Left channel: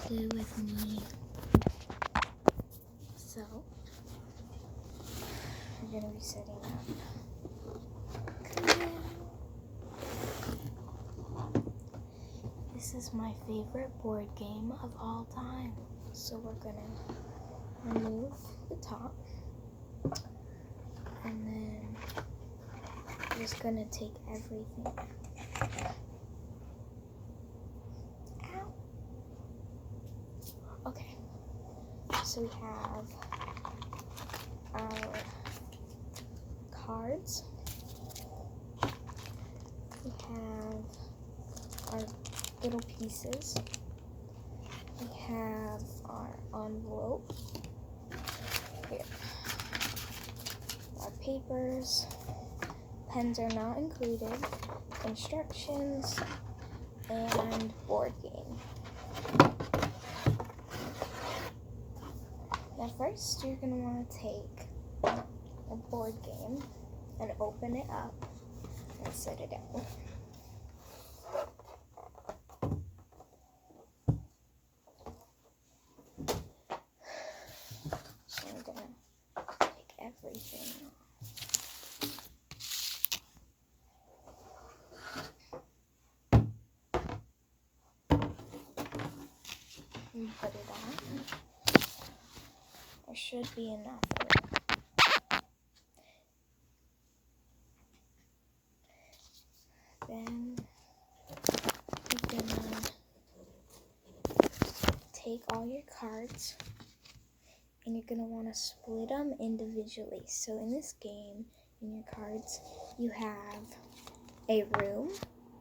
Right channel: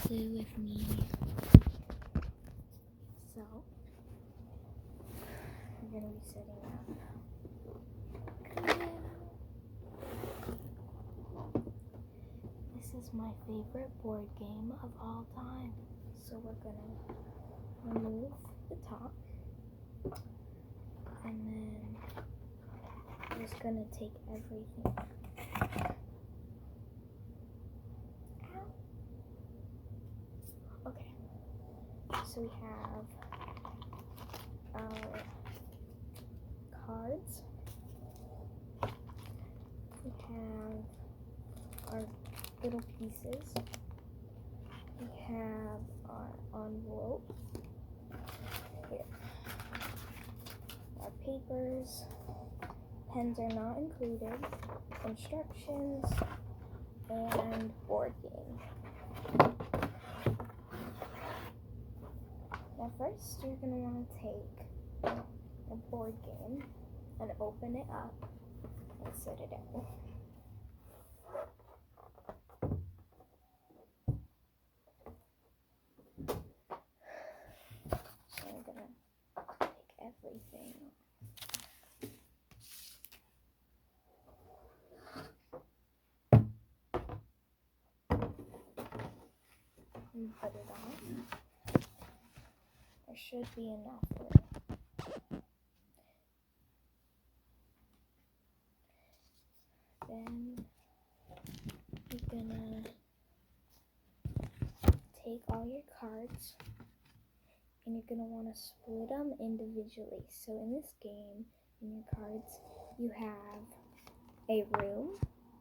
Clue with me. So, we're going to be setting up Clue. This is my favorite board game of all time. So we're going to remove the top. And then we're just going to take everything. Ow. Okay. So we have our cards. We have our little pieces. We have our envelope. Here. Our papers. Pens are not included. Instructions. And board game. Now first, you're going to want to take a board game and open it up and set it out. So I'm going to take everything off. And put it on. There should be enough room. Then you're gonna take all your cards and you're gonna want to split them individually. So in this game, in your cards, you have a room.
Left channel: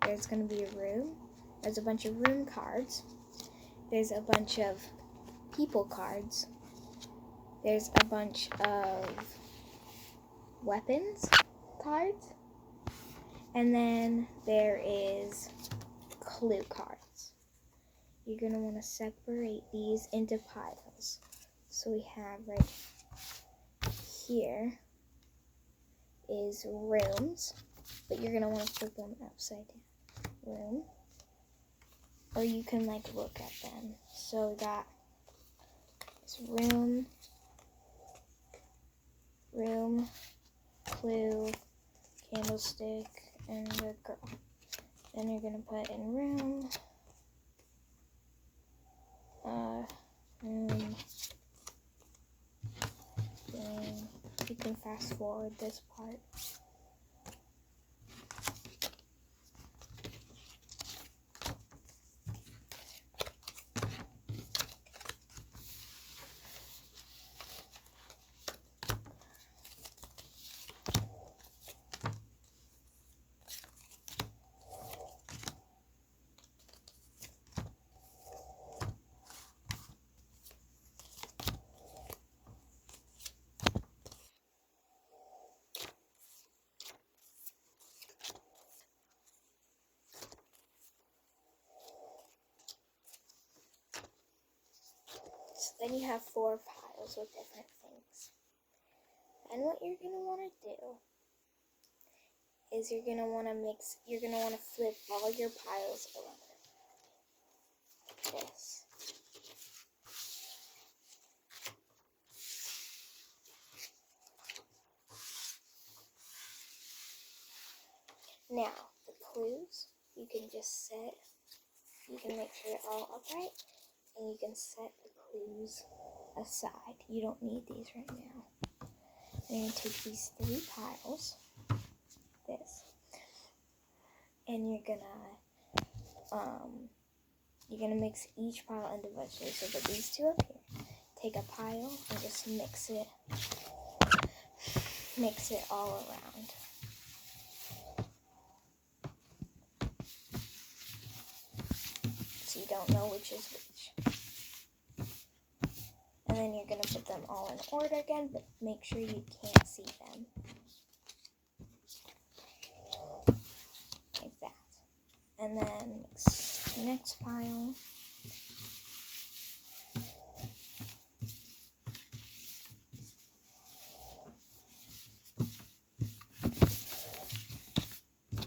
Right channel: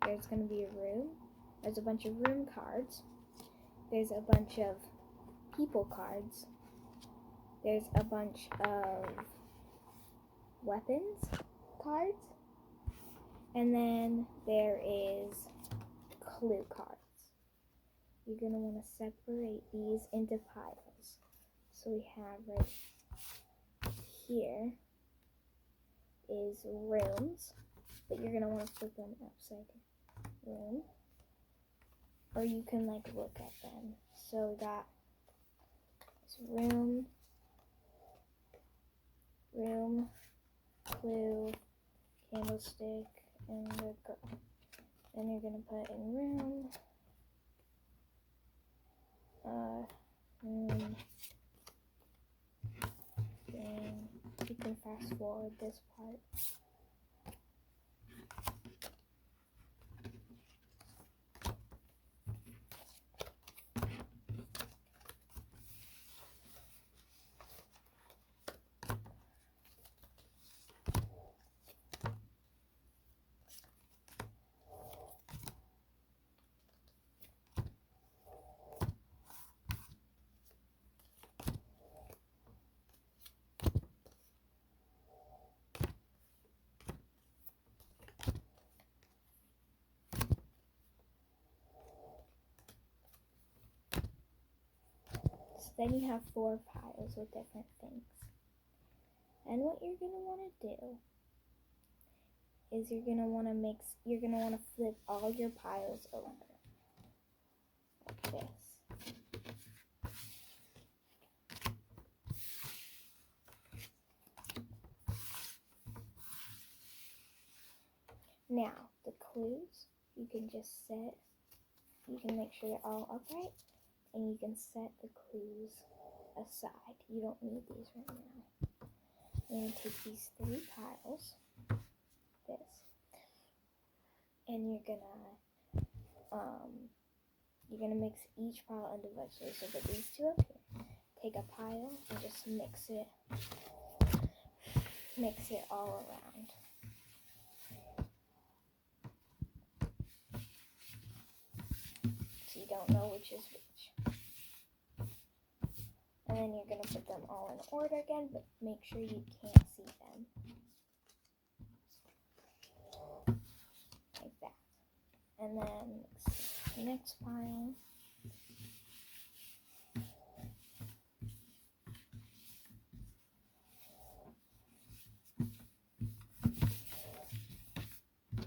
There's gonna be a room. There's a bunch of room cards. There's a bunch of people cards. There's a bunch of weapons cards. And then there is clue cards. You're going to want to separate these into piles. So we have right here is rooms, but you're going to want to flip them upside down. Room. Or you can look at them. So we got this room, clue, candlestick, and a girl. Then you're gonna put in room, then you can fast forward this part. So then you have 4 piles with different things. And what you're going to want to do is you're going to want to flip all your piles over. Like this. Now, the clues, you can just set, you can make sure they're all upright, and you can set the clues aside. You don't need these right now. And you're going to take these 3 piles, this, and you're gonna mix each pile individually. So put these 2 up here. Take a pile and just mix it all around. So you don't know which is which. And then you're going to put them all in order again, but make sure you can't see them. Like that. And then mix the next pile.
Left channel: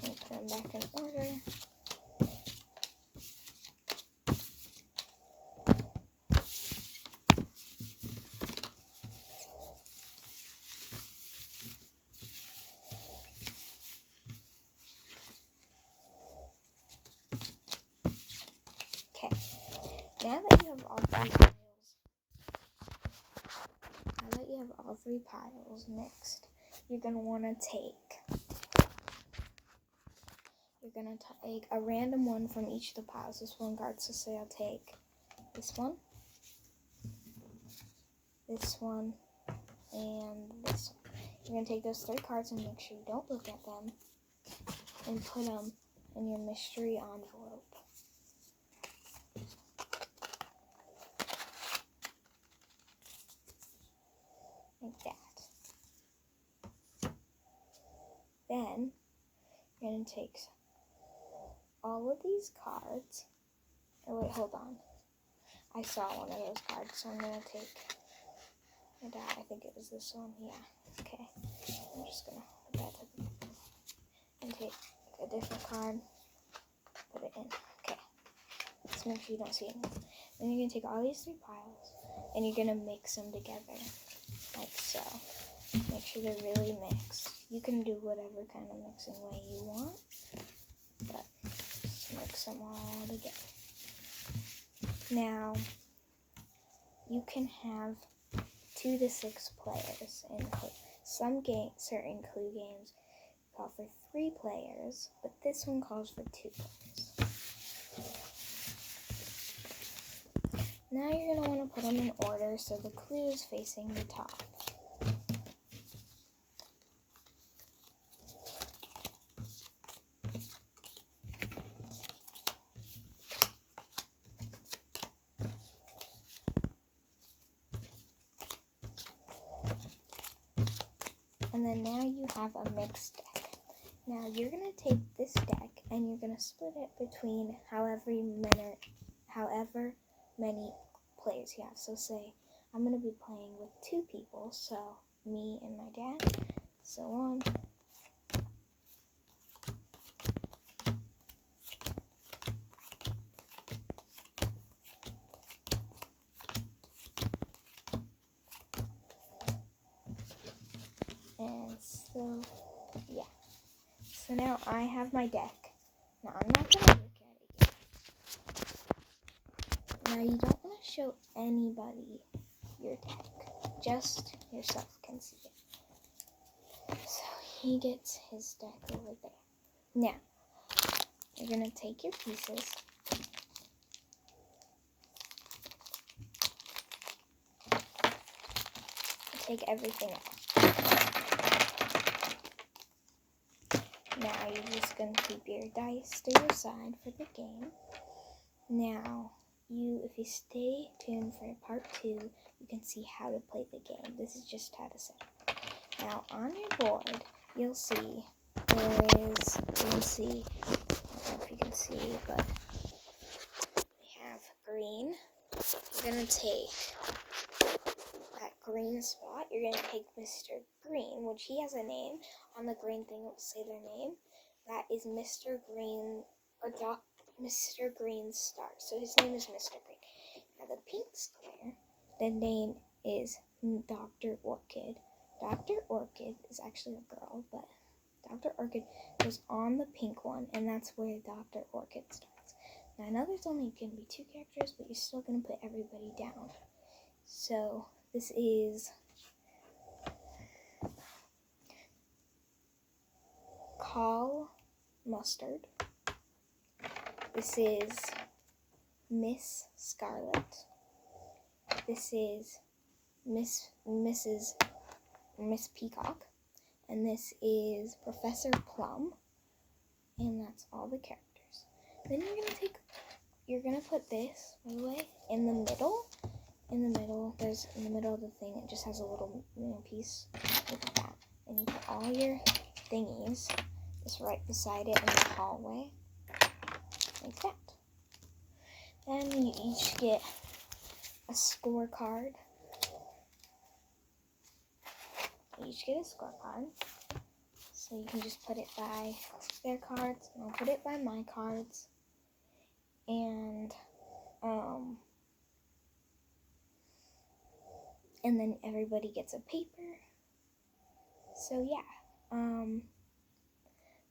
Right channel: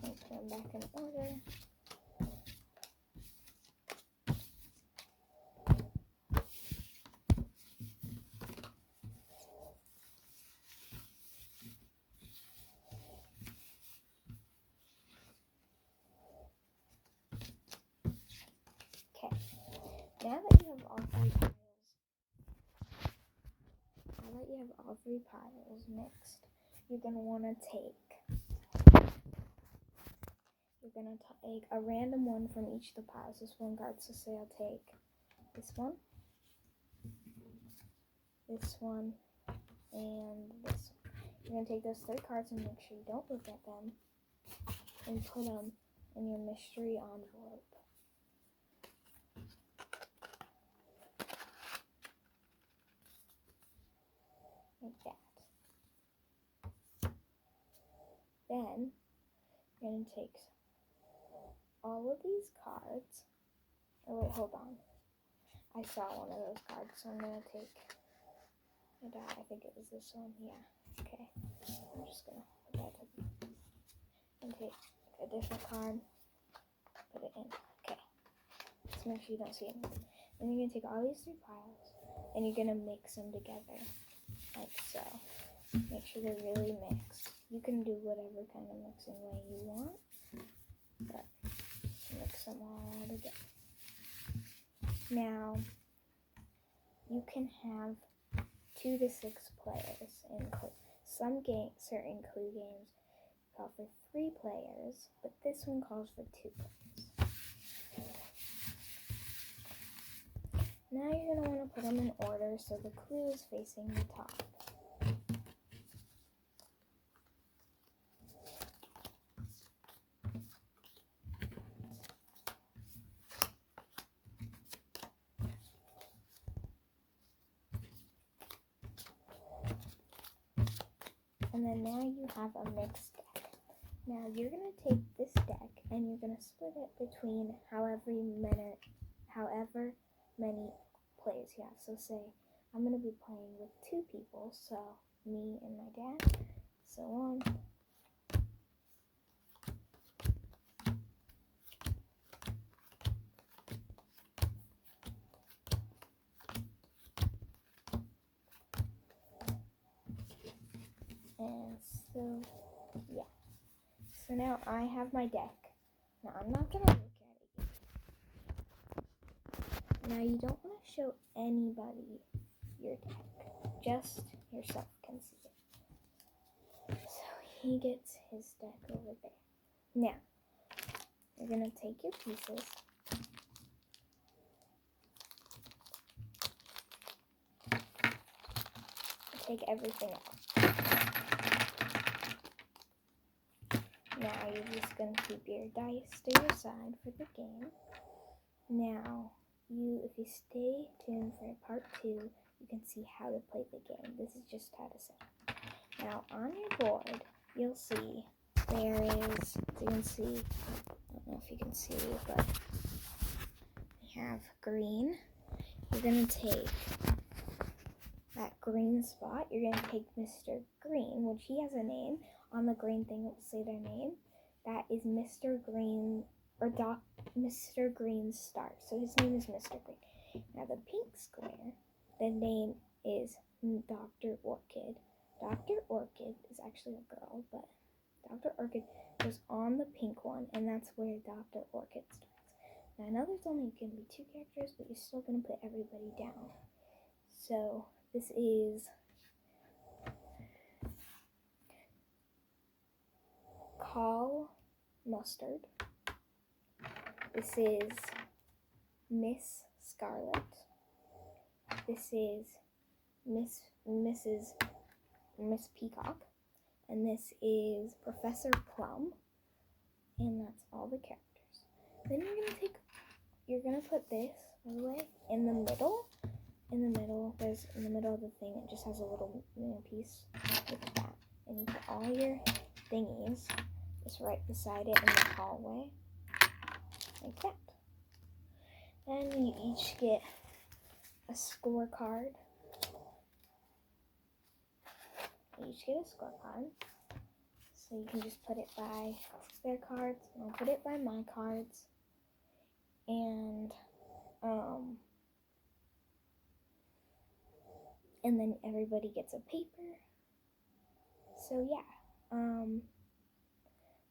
And put them back in order. Now that you have all three piles mixed, you're going to want to take a random one from each of the piles. This one card, so say I'll take this one, and this one. You're going to take those 3 cards and make sure you don't look at them and put them in your mystery envelope. Like that. Then you're going to take all of these cards. Oh wait, hold on. I saw one of those cards, so I'm going to take it out. I think it was this one. Yeah. Okay. I'm just going to put that to the and take a different card, put it in. Okay. Let's make sure you don't see it. Then you're going to take all these 3 piles and you're going to mix them together. Like so. Make sure they're really mixed. You can do whatever kind of mixing way you want, but just mix them all together. Now, you can have 2 to 6 players in some certain Clue games call for 3 players, but this one calls for 2 players. Now you're going to want to put them in order so the clue is facing the top. And then now you have a mixed deck. Now you're going to take this deck and you're going to split it between however many players you have. So say I'm going to be playing with 2 people, so me and my dad, so on. And so, yeah. So now I have my deck. Now I'm not going to look at it yet. Now you don't want to show anybody your deck. Just yourself can see it. So he gets his deck over there. Now, you're going to take your pieces. Take everything out. Now you're just going to keep your dice to your side for the game. Now, if you stay tuned for part 2, you can see how to play the game. This is just how to set it. Now, on your board, you'll see I don't know if you can see, but we have green. You're going to take that green spot. You're going to take Mr. Green, which he has a name. On the green thing, it will say their name. That is Mr. Green, or Mr. Green's star. So his name is Mr. Green. Now the pink square, the name is Dr. Orchid. Dr. Orchid is actually a girl, but Dr. Orchid goes on the pink one, and that's where Dr. Orchid starts. Now I know there's only going to be 2 characters, but you're still going to put everybody down. So this is Call Mustard. This is Miss Scarlet. This is Miss Peacock. And this is Professor Plum. And that's all the characters. Then you're gonna put this, by the way, in the middle. In the middle of the thing, it just has a little piece like that. And you put all your thingies just right beside it in the hallway, like that. Then you each get a scorecard. So you can just put it by their cards, and I'll put it by my cards. And then everybody gets a paper. So yeah,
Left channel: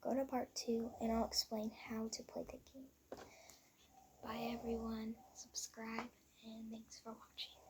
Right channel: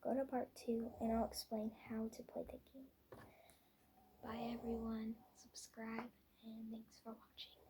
go to part 2 and I'll explain how to play the game. Bye everyone. Subscribe, and thanks for watching.